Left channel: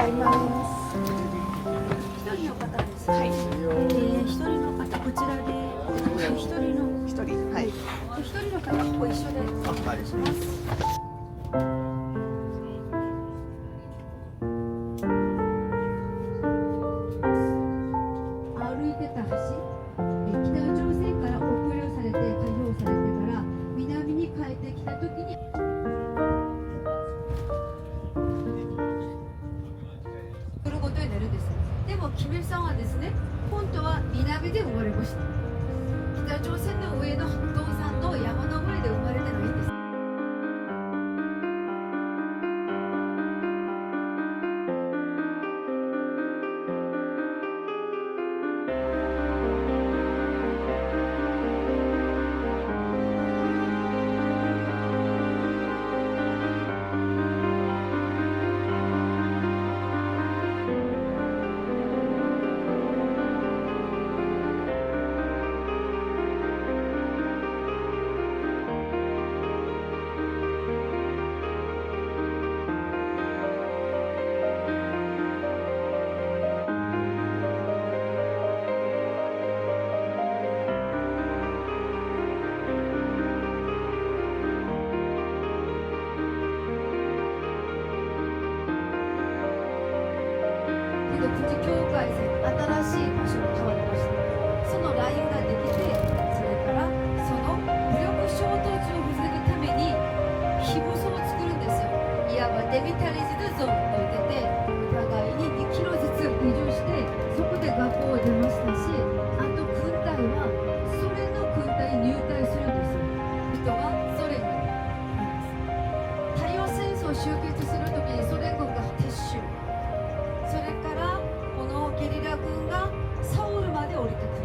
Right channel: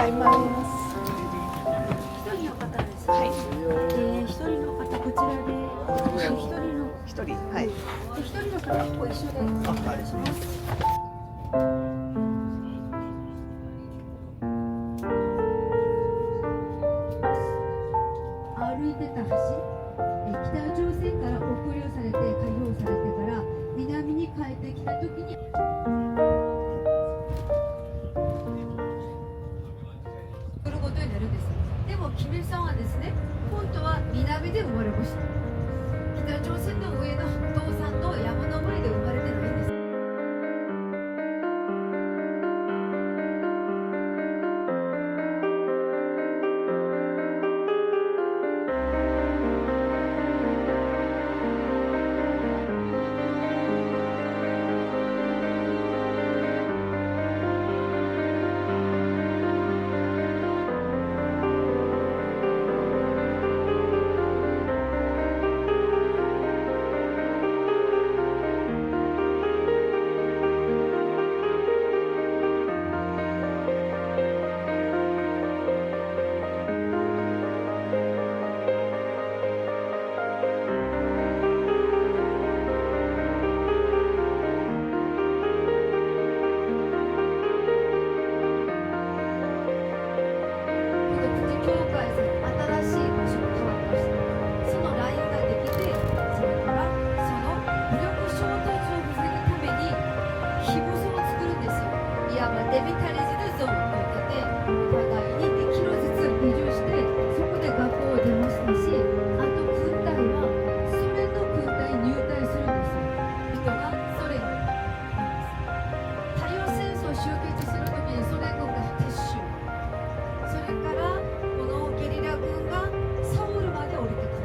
ざいます。一人の方です。はい。一人の方こちらで、一人、はい。一人の方ご一緒でお願いします。歩いてた橋、北朝鮮から抑留されて解放されてから南に帰ってきた時に来ることになるんです。でもキムさんはですね、本当は南で生まれました。北朝鮮の上の道山の山の上で生まれてないんです。プチ境界線、新しい場所に変わりました。そのラインができて、それからその武力衝突を防ぐために非武装を作るんですよ。いわばデミタリズドゾーンと言ってて、お互いに2キロずつ移住して、そこで学校を出ましたし、あと軍隊はソ連の軍隊に入隊するんですよ。人がソ連をなんです。太陽戦争終結するときにソ連軍が撤収、それからこのゲリラ軍がサウルまで降りてくる。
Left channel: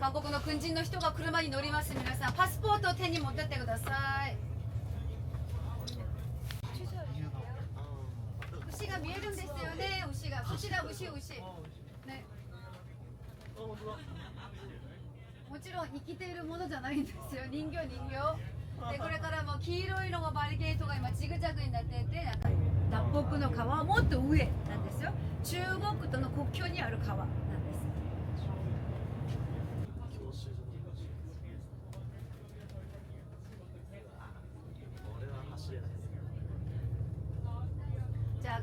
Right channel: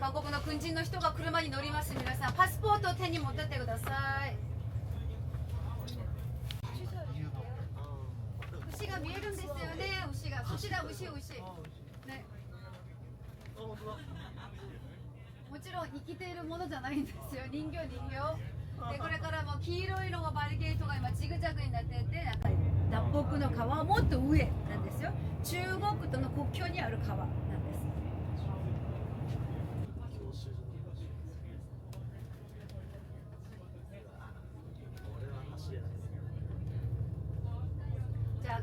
韓国の軍人の人が車に乗ります。皆さんパスポートを手に持ってってください。牛が見えるんですよね。牛が牛だ牛ね。もちろん生きているものじゃないんですよ。人形でこれからも黄色いのがバリケートが今ジグザグになっていて、脱北の川はもっと上なんですよ。中国との国境にある川なんです。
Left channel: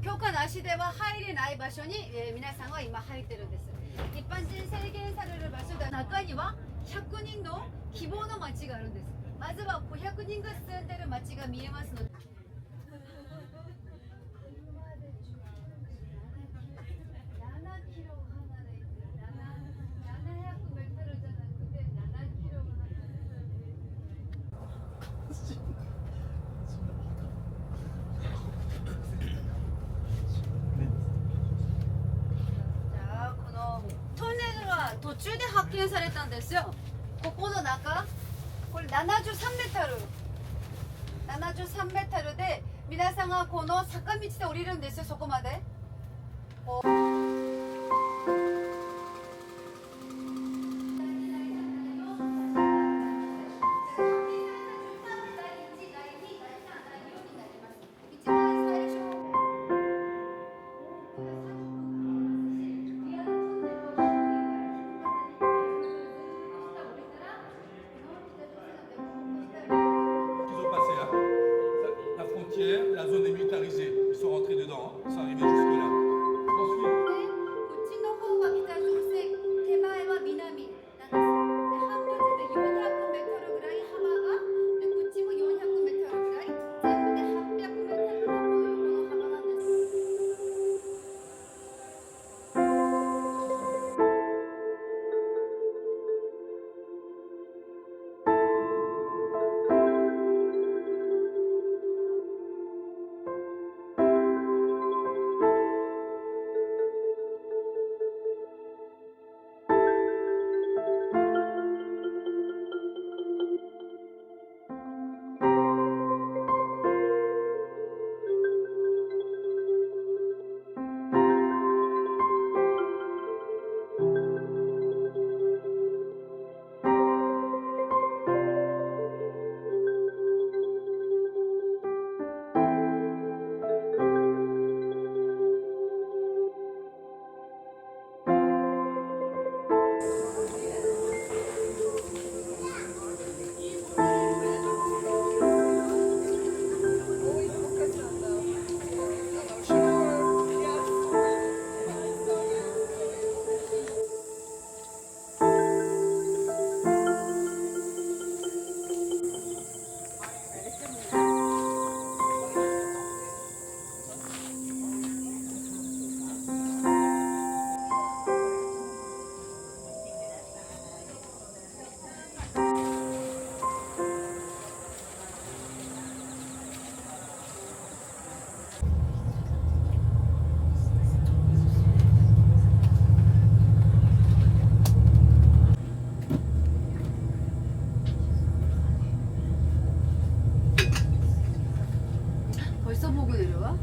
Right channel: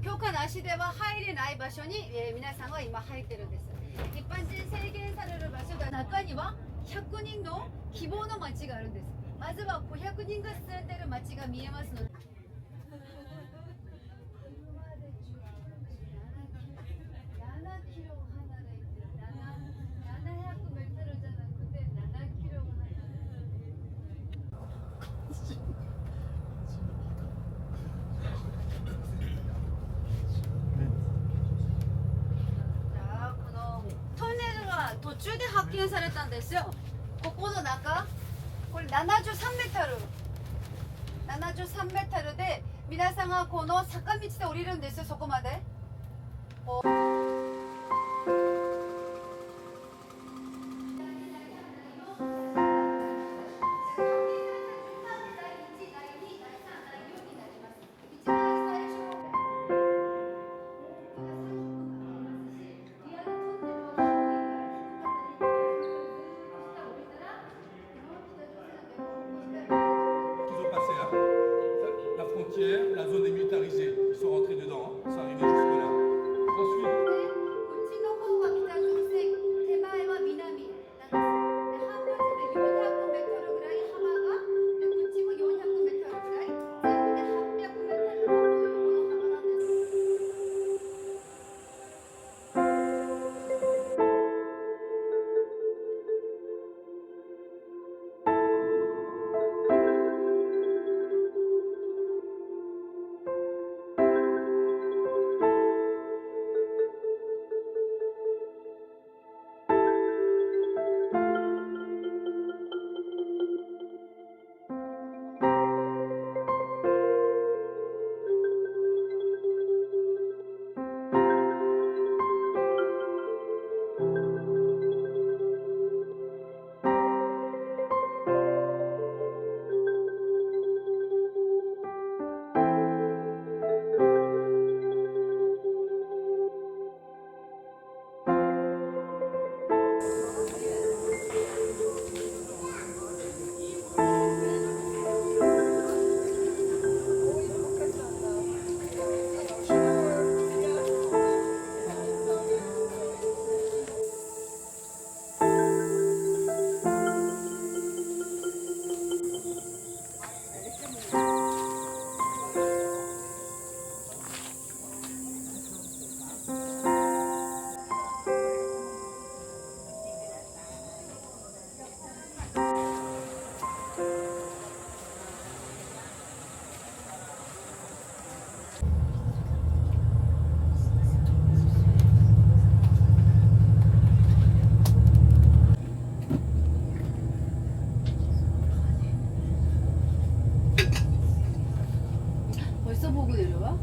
許可なしでは入れない場所に、皆さんは今入ってるんです。一般人制限される場所が中には100人の希望の町があるんです。まずは500人が住んでる町が見えますので。7キロ離れて700メートルじゃなくて7キロ離れて。このトンネルは途中で発見されたんですよ。ここの中、これ73メートル。73メートルで、皆さんがこの坂道で降りるんですよ、そこまで。La frontière, la zone est militarisée. Ils sont rentrés dedans, hein. Ils sont arrivés jusque-là. Ensuite, こっちの方が北朝鮮、手前は南なんです。で、半分で400メートルぐらい幅が、で、こっちも400メートルぐらい、全部で800メートルのこの横の幅なんです。벌써 보고 내려와?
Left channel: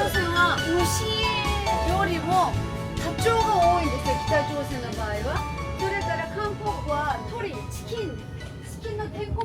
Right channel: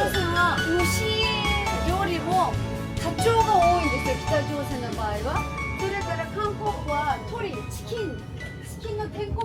朝鮮は牛よりもタチウオが多いんですよ、北朝鮮の場合は。それから韓国は鶏、チキンの天国